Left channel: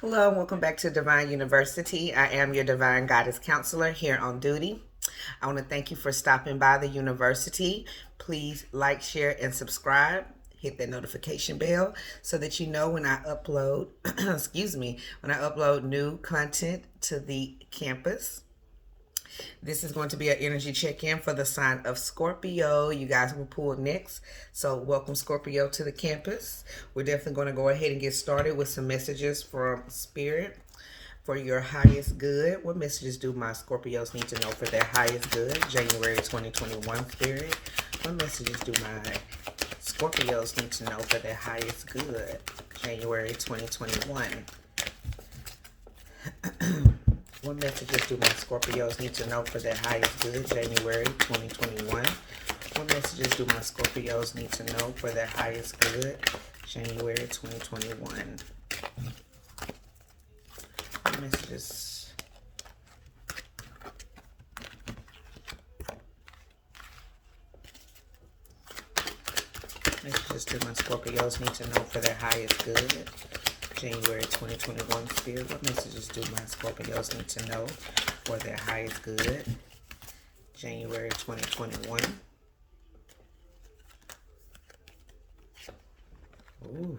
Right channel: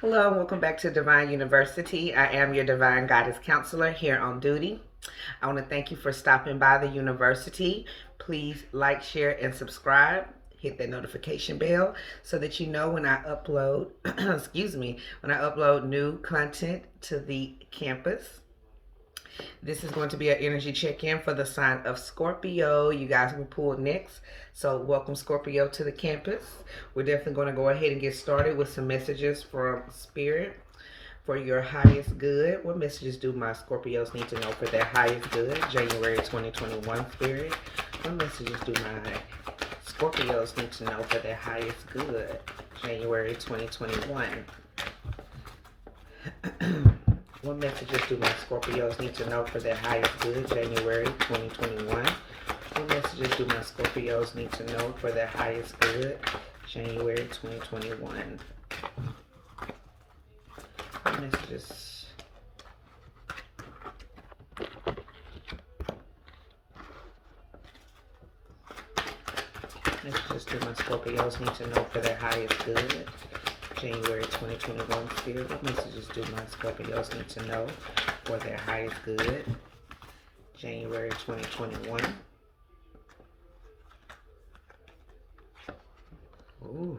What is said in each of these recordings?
Hello and welcome back to Divine University. I am your Divine Guidance Counselor here on duty. I want to thank you for stopping by the university. Please like, share, and subscribe. Hit that notification bell so that you know when I upload, when I upload new content to the campus. This is going to be an energy check-in for the sign of Scorpio. You guys will pull next. So welcome Scorpio to the campus. We're definitely going to go ahead and get started with some messages from Spirit for your highest good. What messages do my Scorpios need to know for their highest good? January 2021 Spirit. What messages do my Scorpios need to know for their highest good? January 2021. What messages do my Scorpios need to know for their highest good? January 2021. What messages do my Scorpios need to know for their highest good? January 2021. What messages? Messages do my Scorpios need to know for their highest good? January 2021 Spirit. What messages do my Scorpios need to know for their highest good? January 2021. Ooh.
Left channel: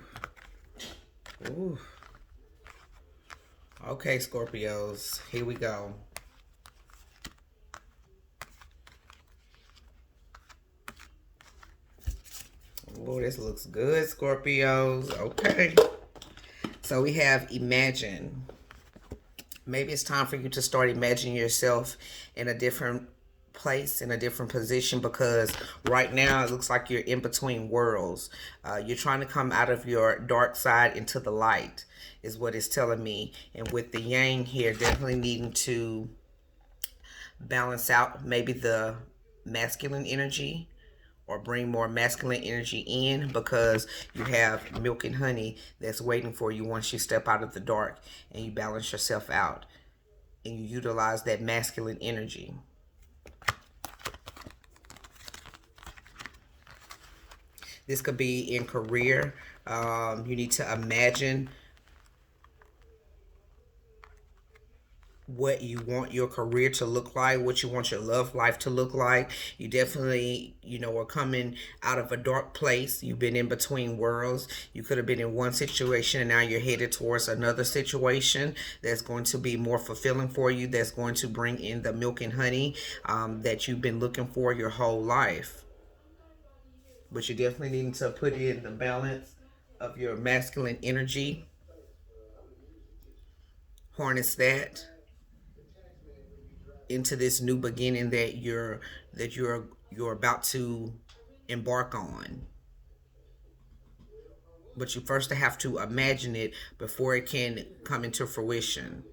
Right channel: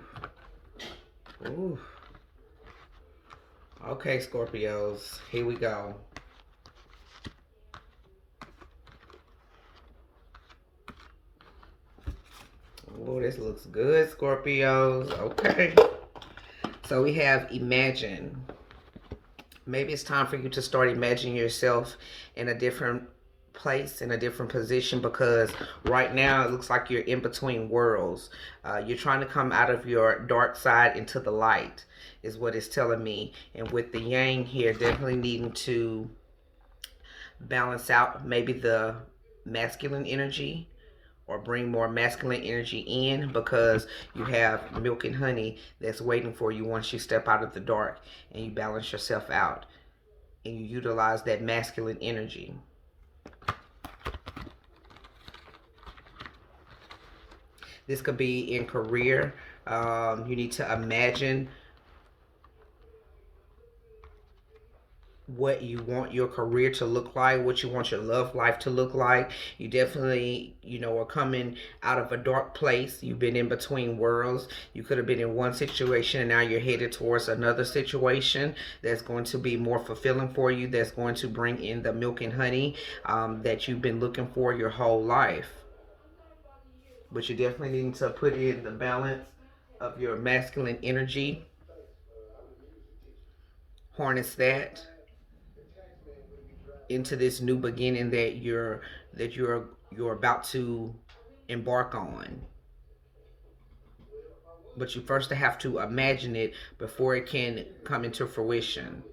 Ooh. Okay, Scorpios. Here we go. Oh, this looks good, Scorpios. Okay. So we have imagine. Maybe it's time for you to start imagining yourself in a different place, in a different position, because right now it looks like you're in between worlds. You're trying to come out of your dark side into the light, is what it's telling me. And with the yang here, definitely needing to balance out maybe the masculine energy or bring more masculine energy in, because you have milk and honey that's waiting for you once you step out of the dark and you balance yourself out and you utilize that masculine energy. This could be in career. You need to imagine what you want your career to look like, what you want your love life to look like. You definitely, are coming out of a dark place. You've been in between worlds. You could have been in one situation and now you're headed towards another situation that's going to be more fulfilling for you, that's going to bring in the milk and honey that you've been looking for your whole life. But you definitely need to put in the balance of your masculine energy, harness that into this new beginning that you're about to embark on. But you first have to imagine it before it can come into fruition,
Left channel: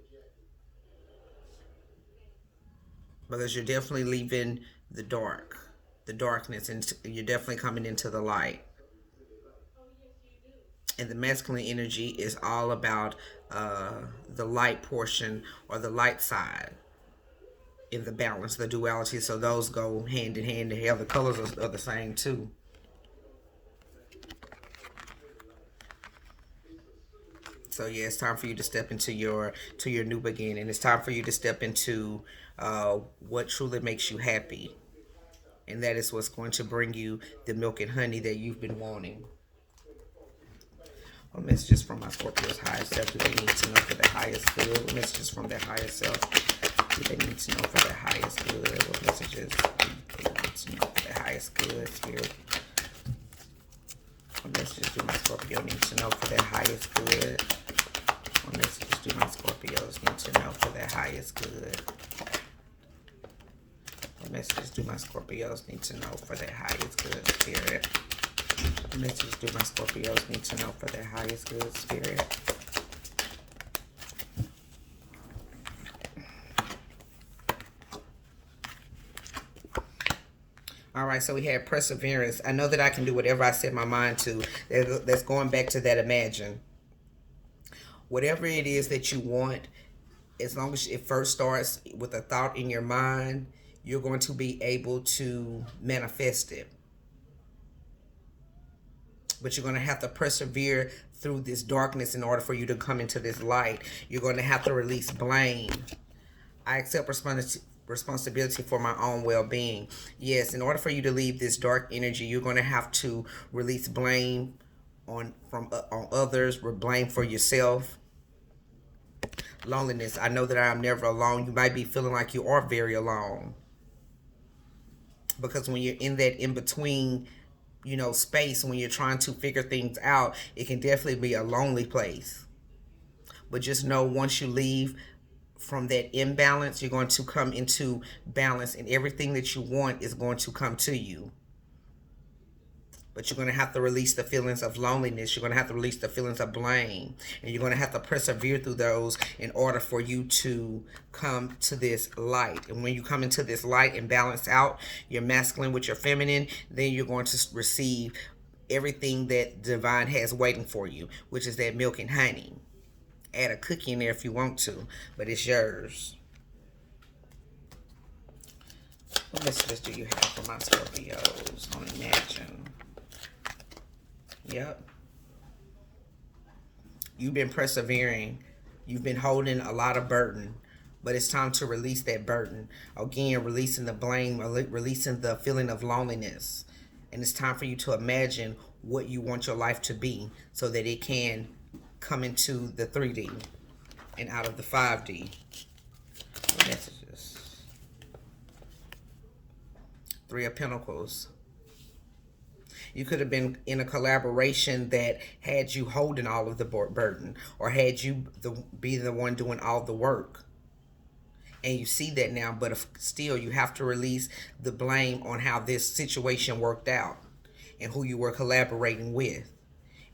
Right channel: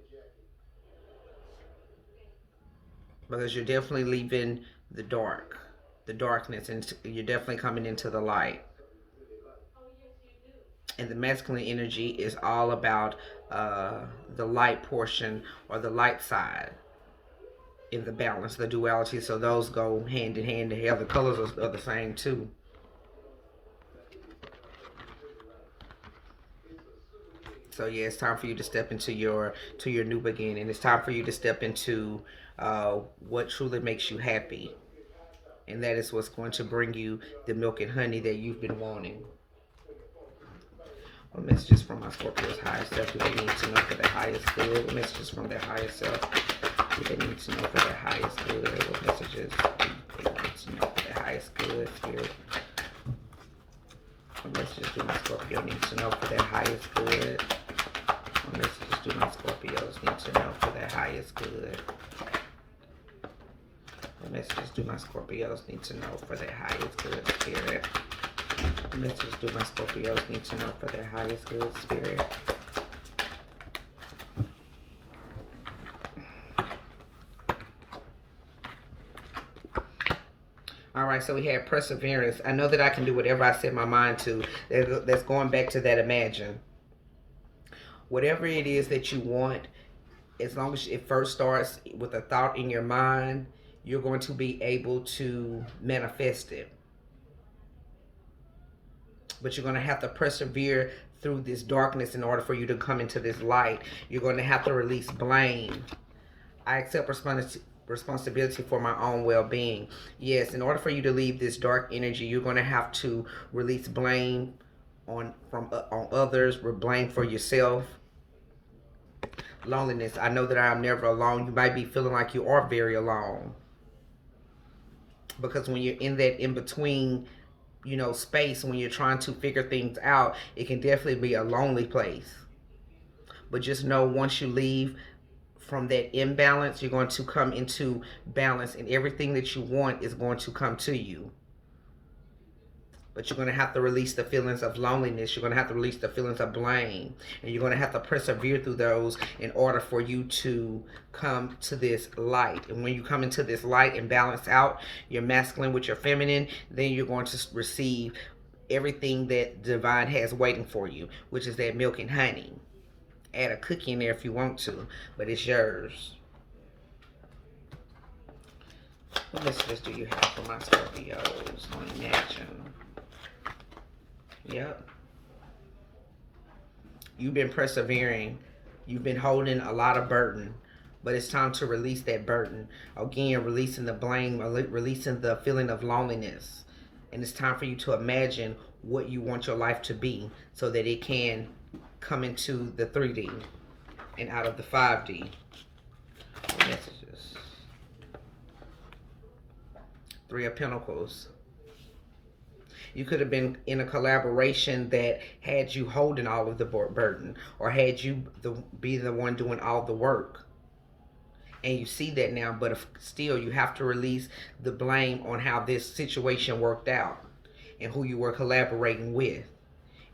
because you're definitely leaving the darkness, and you're definitely coming into the light. And the masculine energy is all about the light portion, or the light side, in the balance, the duality. So those go hand in hand. The colors are the same too. So yeah, it's time for you to step into your new beginning. It's time for you to step into what truly makes you happy, and that is what's going to bring you the milk and honey that you've been wanting. What messages from my Scorpio's highest self do they need to know for their highest good? What messages from their highest self do they need to know for their highest good? What messages do they need to know for their highest good, Spirit? What messages do my Scorpio need to know for their highest good? What messages do my Scorpios need to know for their highest good? What messages do my Scorpios need to know for their highest good, Spirit? What messages do my Scorpios need to know for their highest good, Spirit? All right, so we had perseverance. I know that I can do whatever I set my mind to. That's going back to that imagine. Whatever it is that you want, as long as it first starts with a thought in your mind, you're going to be able to manifest it. But you're going to have to persevere through this darkness in order for you to come into this light. You're going to have to release blame. I accept responsibility for my own well-being. Yes, in order for you to leave this dark energy, you're going to have to release blame on others, blame for yourself. Loneliness. I know that I am never alone. You might be feeling like you are very alone, because when you're in that in-between, space, when you're trying to figure things out, it can definitely be a lonely place. But just know, once you leave from that imbalance, you're going to come into balance, and everything that you want is going to come to you. But you're going to have to release the feelings of loneliness. You're going to have to release the feelings of blame. And you're going to have to persevere through those in order for you to come to this light. And when you come into this light and balance out your masculine with your feminine, then you're going to receive everything that divine has waiting for you, which is that milk and honey. Add a cookie in there if you want to, but it's yours. What messages do you have for my Scorpios on Imagine? Yep. You've been persevering. You've been holding a lot of burden, but it's time to release that burden. Again, releasing the blame, releasing the feeling of loneliness. And it's time for you to imagine what you want your life to be, so that it can come into the 3D and out of the 5D. What messages? 3 of Pentacles. You could have been in a collaboration that had you holding all of the burden, or had you be the one doing all the work. And you see that now, but still you have to release the blame on how this situation worked out and who you were collaborating with,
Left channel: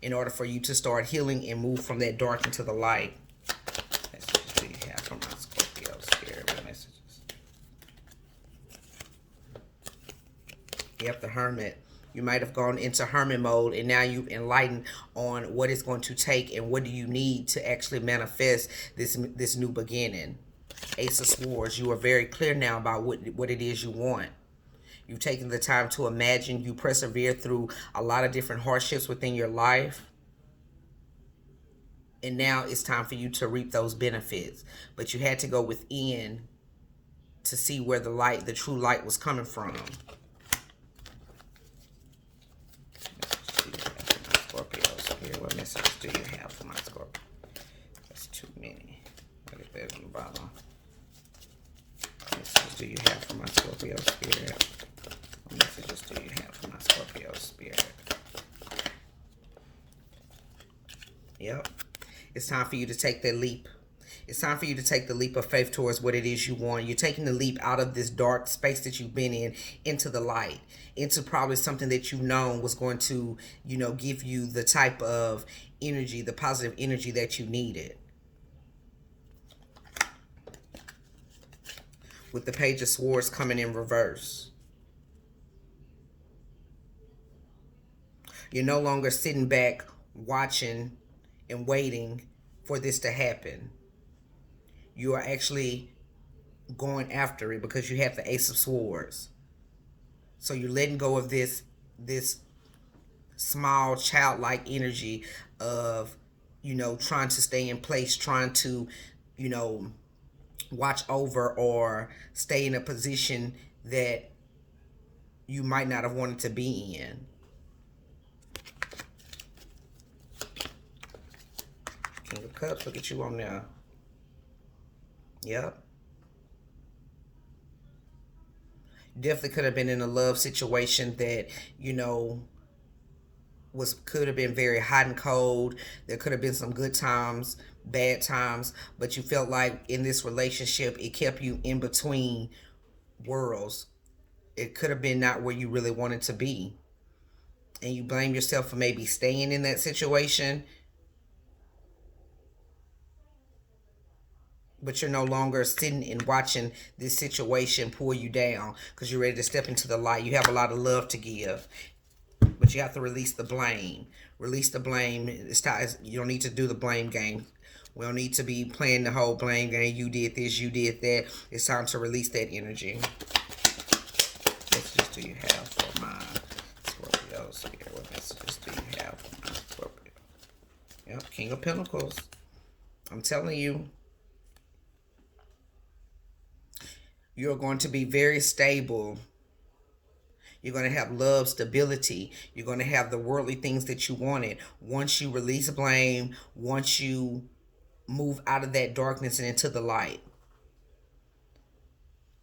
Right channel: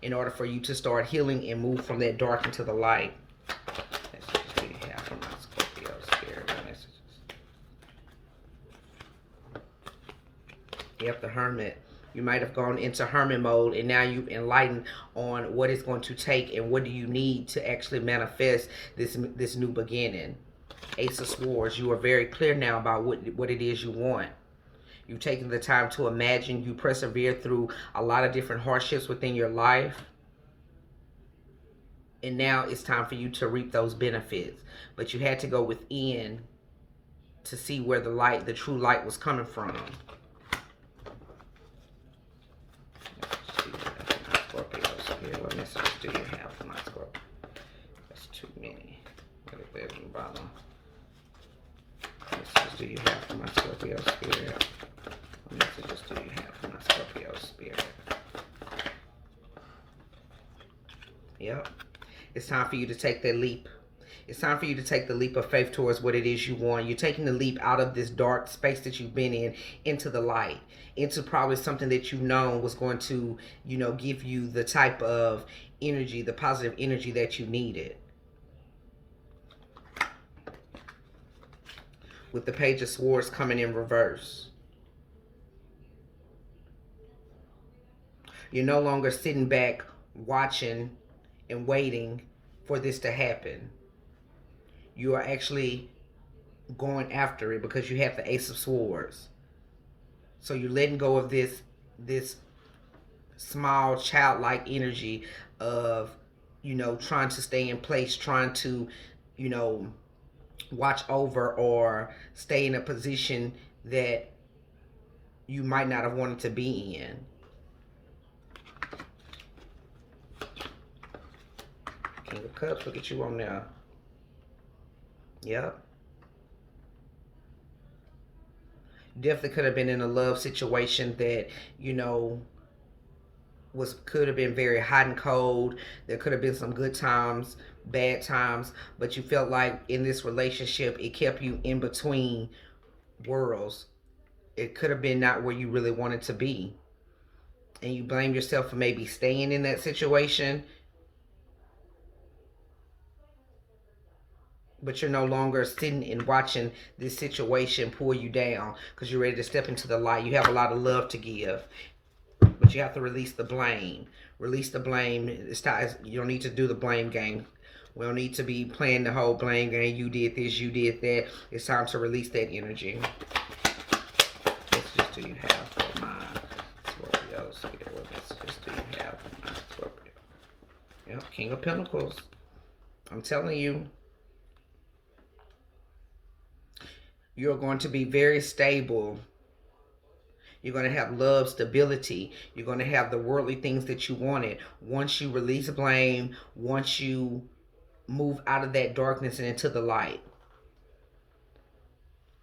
in order for you to start healing and move from that dark into the light. Messages do you have from my Scorpio spirit messages? Yep, the Hermit. You might have gone into hermit mode, and now you've enlightened on what it's going to take and what do you need to actually manifest this new beginning. Ace of Swords. You are very clear now about what it is you want. You've taken the time to imagine. You persevere through a lot of different hardships within your life. And now it's time for you to reap those benefits. But you had to go within to see where the true light was coming from. What message do you have for my Scorpio? That's too many. Look at that in the bottom. What messages do you have for my Scorpio spirit? What messages do you have for my Scorpio spirit? Yep. It's time for you to take that leap. It's time for you to take the leap of faith towards what it is you want. You're taking the leap out of this dark space that you've been in into the light, into probably something that you've known was going to, give you the type of energy, the positive energy that you needed. With the Page of Swords coming in reverse. You're no longer sitting back watching and waiting for this to happen. You are actually going after it, because you have the Ace of Swords. So you're letting go of this small childlike energy of, trying to stay in place, trying to, watch over or stay in a position that you might not have wanted to be in. King of Cups, look at you on there. Yep. Definitely could have been in a love situation that, could have been very hot and cold. There could have been some good times, bad times, but you felt like in this relationship, it kept you in between worlds. It could have been not where you really wanted to be. And you blame yourself for maybe staying in that situation. But you're no longer sitting and watching this situation pull you down, because you're ready to step into the light. You have a lot of love to give, but you have to release the blame. Release the blame. It's time. You don't need to do the blame game. We don't need to be playing the whole blame game. You did this, you did that. It's time to release that energy. What messages do you have for my Scorpio spirit? What messages do you have for my Scorpio? King of Pentacles. I'm telling you, you're going to be very stable. You're going to have love, stability. You're going to have the worldly things that you wanted. Once you release blame, once you move out of that darkness and into the light.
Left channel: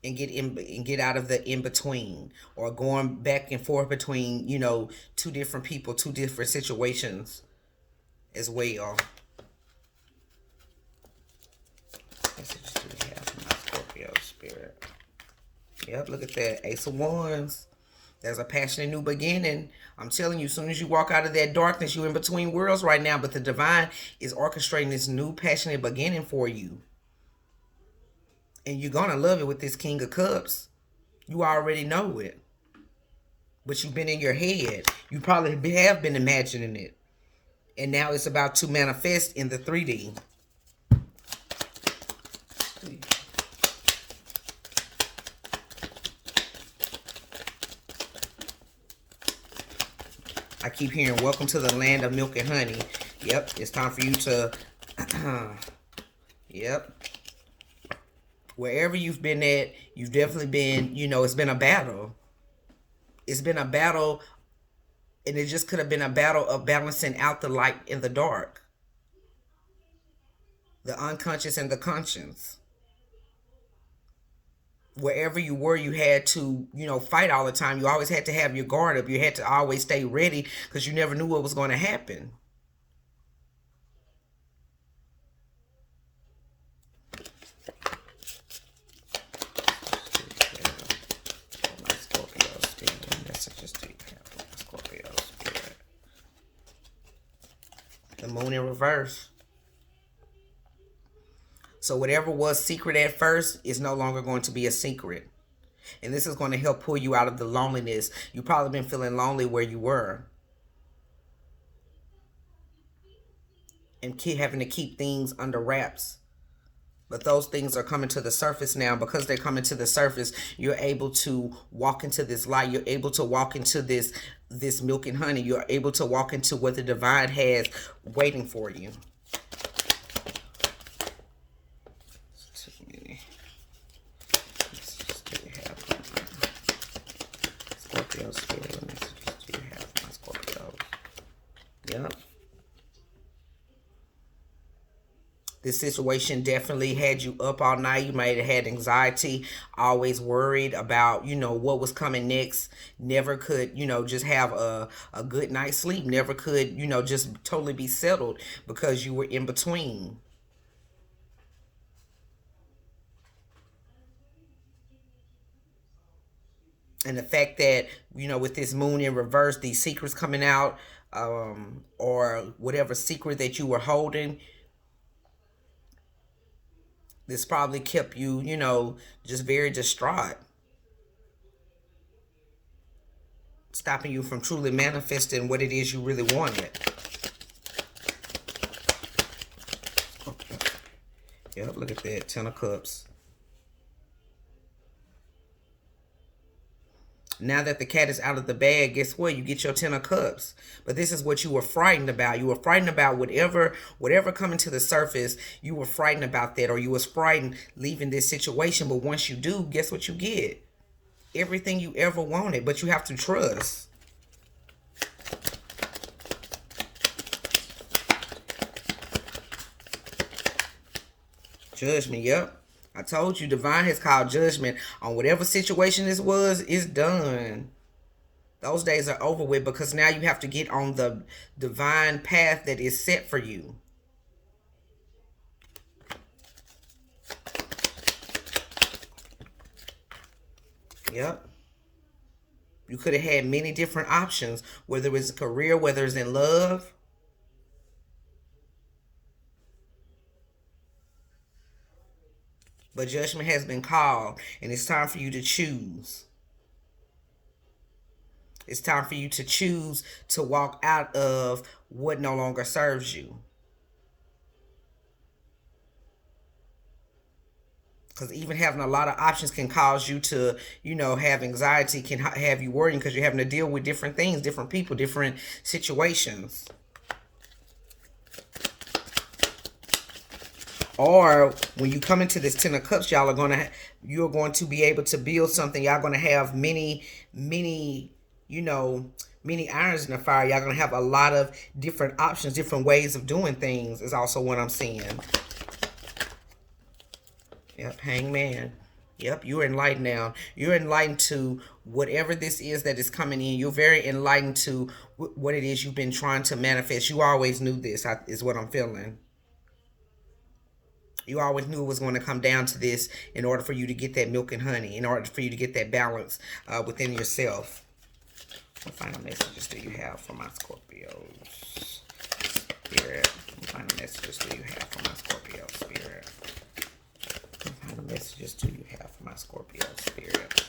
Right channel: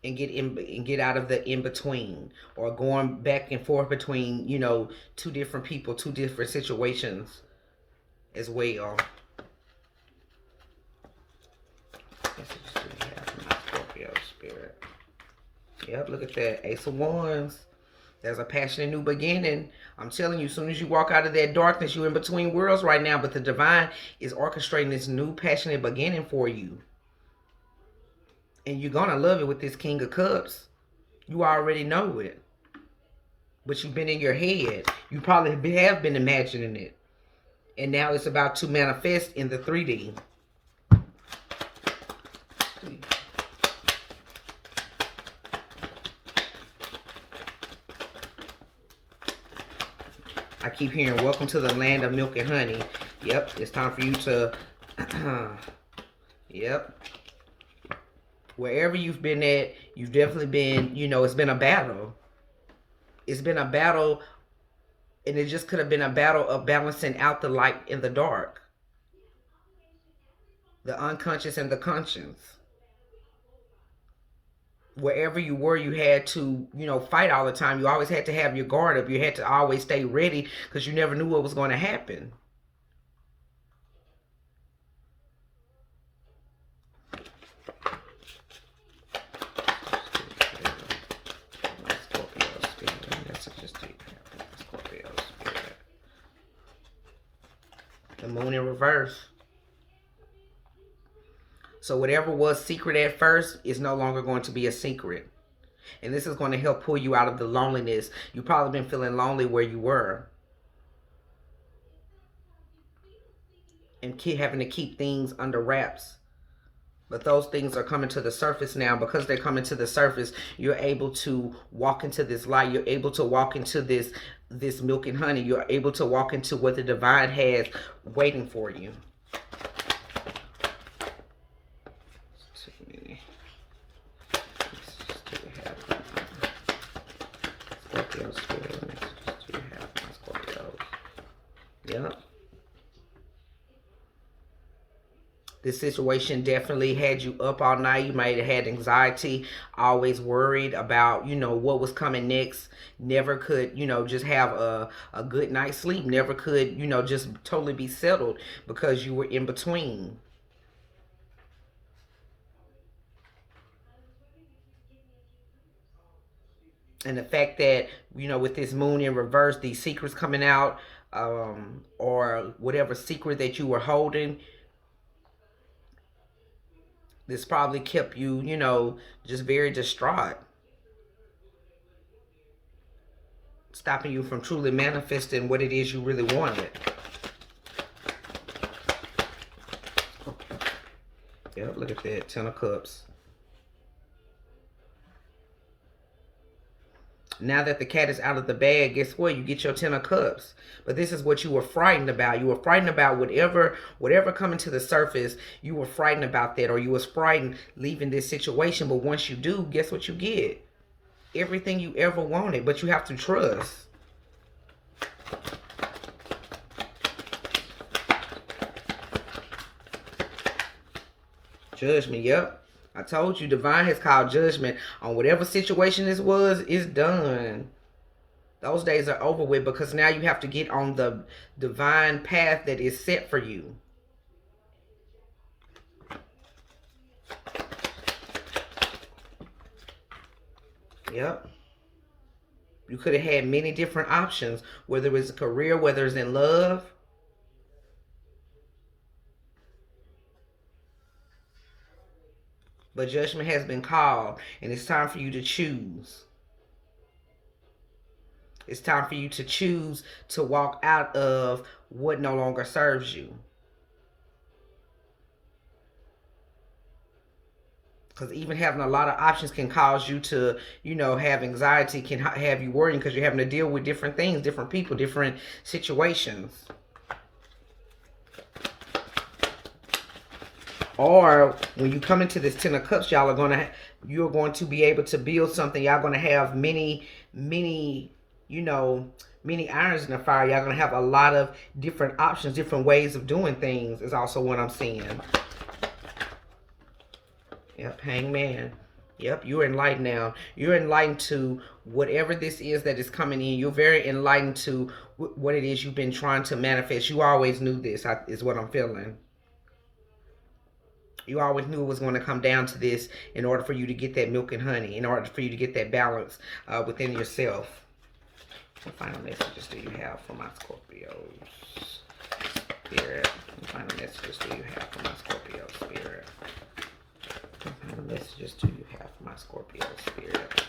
And get out of the in-between, or going back and forth between, you know, two different people, two different situations as well. Messages do we have from my Scorpio spirit? Yep, look at that. Ace of Wands. There's a passionate new beginning. I'm telling you, as soon as you walk out of that darkness, you're in between worlds right now, but the divine is orchestrating this new passionate beginning for you. And you're going to love it with this King of Cups. You already know it. But you've been in your head. You probably have been imagining it. And now it's about to manifest in the 3D. I keep hearing, welcome to the land of milk and honey. Yep, it's time for you to... Yep. Wherever you've been at, you've definitely been, you know, it's been a battle. It's been a battle, and it just could have been a battle of balancing out the light and the dark. The unconscious and the conscious. Wherever you were, you had to, you know, fight all the time. You always had to have your guard up. You had to always stay ready because you never knew what was going to happen. The moon in reverse. So whatever was secret at first is no longer going to be a secret. And this is going to help pull you out of the loneliness. You've probably been feeling lonely where you were. And having to keep things under wraps. But those things are coming to the surface now. Because they're coming to the surface, you're able to walk into this light. You're able to walk into this milk and honey. You're able to walk into what the divine has waiting for you. Scorpio spirit, messages do you have my Scorpios? Yep. This situation definitely had you up all night. You might have had anxiety, always worried about, you know, what was coming next. Never could, you know, just have a good night's sleep. Never could, you know, just totally be settled because you were in between. And the fact that, you know, with this moon in reverse, these secrets coming out, or whatever secret that you were holding, this probably kept you, you know, just very distraught. Stopping you from truly manifesting what it is you really wanted. Okay. Yep, look at that. 10 of Cups. Now that the cat is out of the bag, guess what? You get your 10 of Cups. But this is what you were frightened about. You were frightened about whatever coming to the surface. You were frightened about that, or you was frightened leaving this situation. But once you do, guess what you get? Everything you ever wanted, but you have to trust. Judgment, yep. I told you, divine has called judgment on whatever situation this was. It's done. Those days are over with, because now you have to get on the divine path that is set for you. Yep. You could have had many different options, whether it's a career, whether it's in love. But judgment has been called, and it's time for you to choose. It's time for you to choose to walk out of what no longer serves you. Because even having a lot of options can cause you to, you know, have anxiety, can have you worrying because you're having to deal with different things, different people, different situations. Or when you come into this Ten of Cups, you're going to be able to build something. Y'all going to have many, you know, many irons in the fire. Y'all going to have a lot of different options, different ways of doing things is also what I'm seeing. Yep, Hangman. Yep, you're enlightened now. You're enlightened to whatever this is that is coming in. You're very enlightened to what it is you've been trying to manifest. You always knew this, is what I'm feeling. You always knew it was going to come down to this in order for you to get that milk and honey, in order for you to get that balance within yourself. What final messages do you have for my Scorpios? Spirit. What final messages do you have for my Scorpio spirit? What kind of messages do you have for my Scorpio spirit?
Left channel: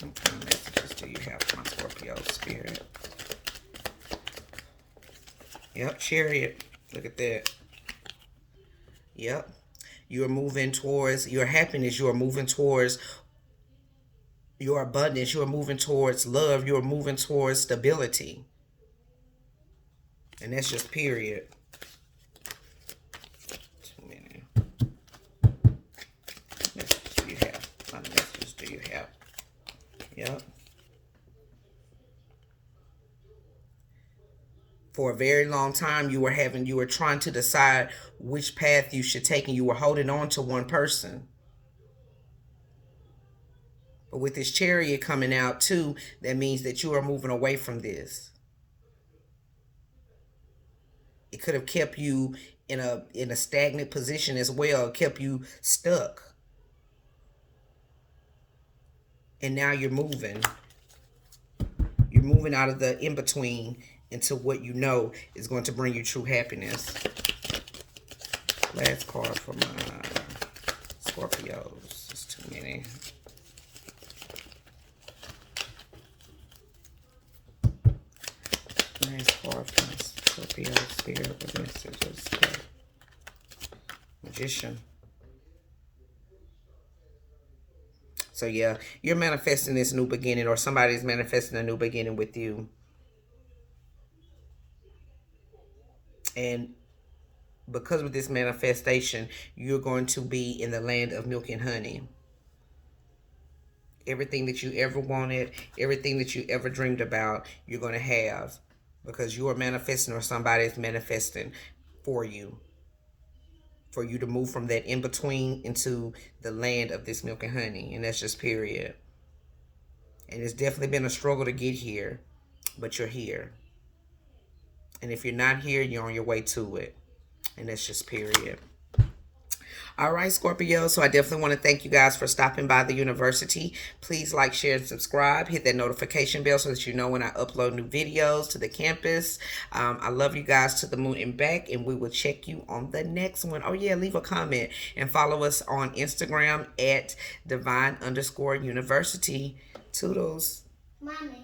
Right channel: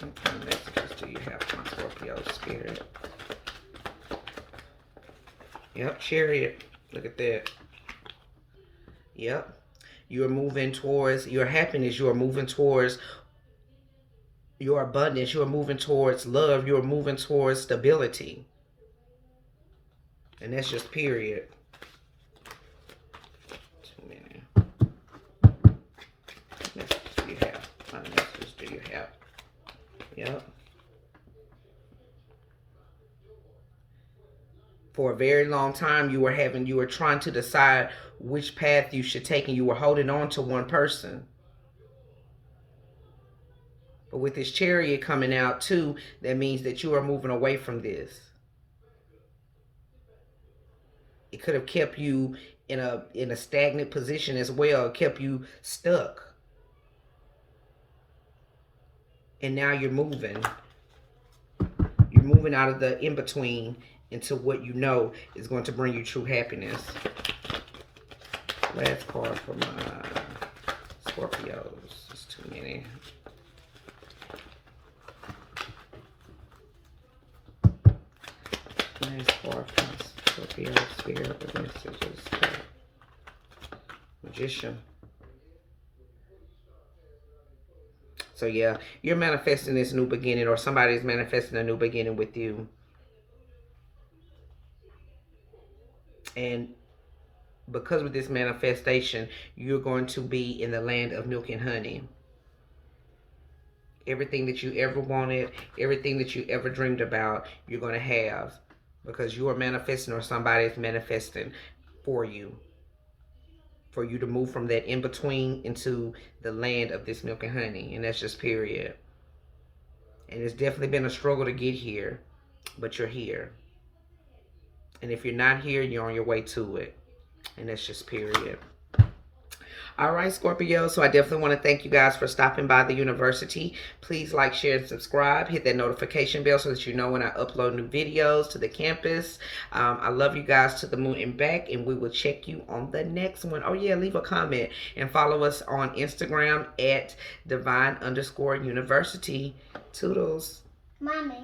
What kind of messages do you have for my Scorpio spirit? Yep, Chariot. Look at that. Yep. You're moving towards your happiness. You're moving towards your abundance. You're moving towards love. You're moving towards stability. And that's just period. Yep. For a very long time, you were trying to decide which path you should take, and you were holding on to one person. But with this Chariot coming out too, that means that you are moving away from this. It could have kept you in a stagnant position as well, kept you stuck. And now you're moving. You're moving out of the in-between into what you know is going to bring you true happiness. Last card for my Scorpios. It's too many. Last card for my Scorpio spirit with messages. Magician. So yeah, you're manifesting this new beginning, or somebody's manifesting a new beginning with you. And because of this manifestation, you're going to be in the land of milk and honey. Everything that you ever wanted, everything that you ever dreamed about, you're going to have. Because you are manifesting, or somebody's manifesting for you. For you to move from that in-between into the land of this milk and honey. And that's just period. And it's definitely been a struggle to get here. But you're here. And if you're not here, you're on your way to it. And that's just period. All right, Scorpio. So I definitely want to thank you guys for stopping by the university. Please like, share, and subscribe. Hit that notification bell so that you know when I upload new videos to the campus. I love you guys to the moon and back, and we will check you on the next one. Oh, yeah, leave a comment and follow us on Instagram at divine_university. Toodles. Mommy.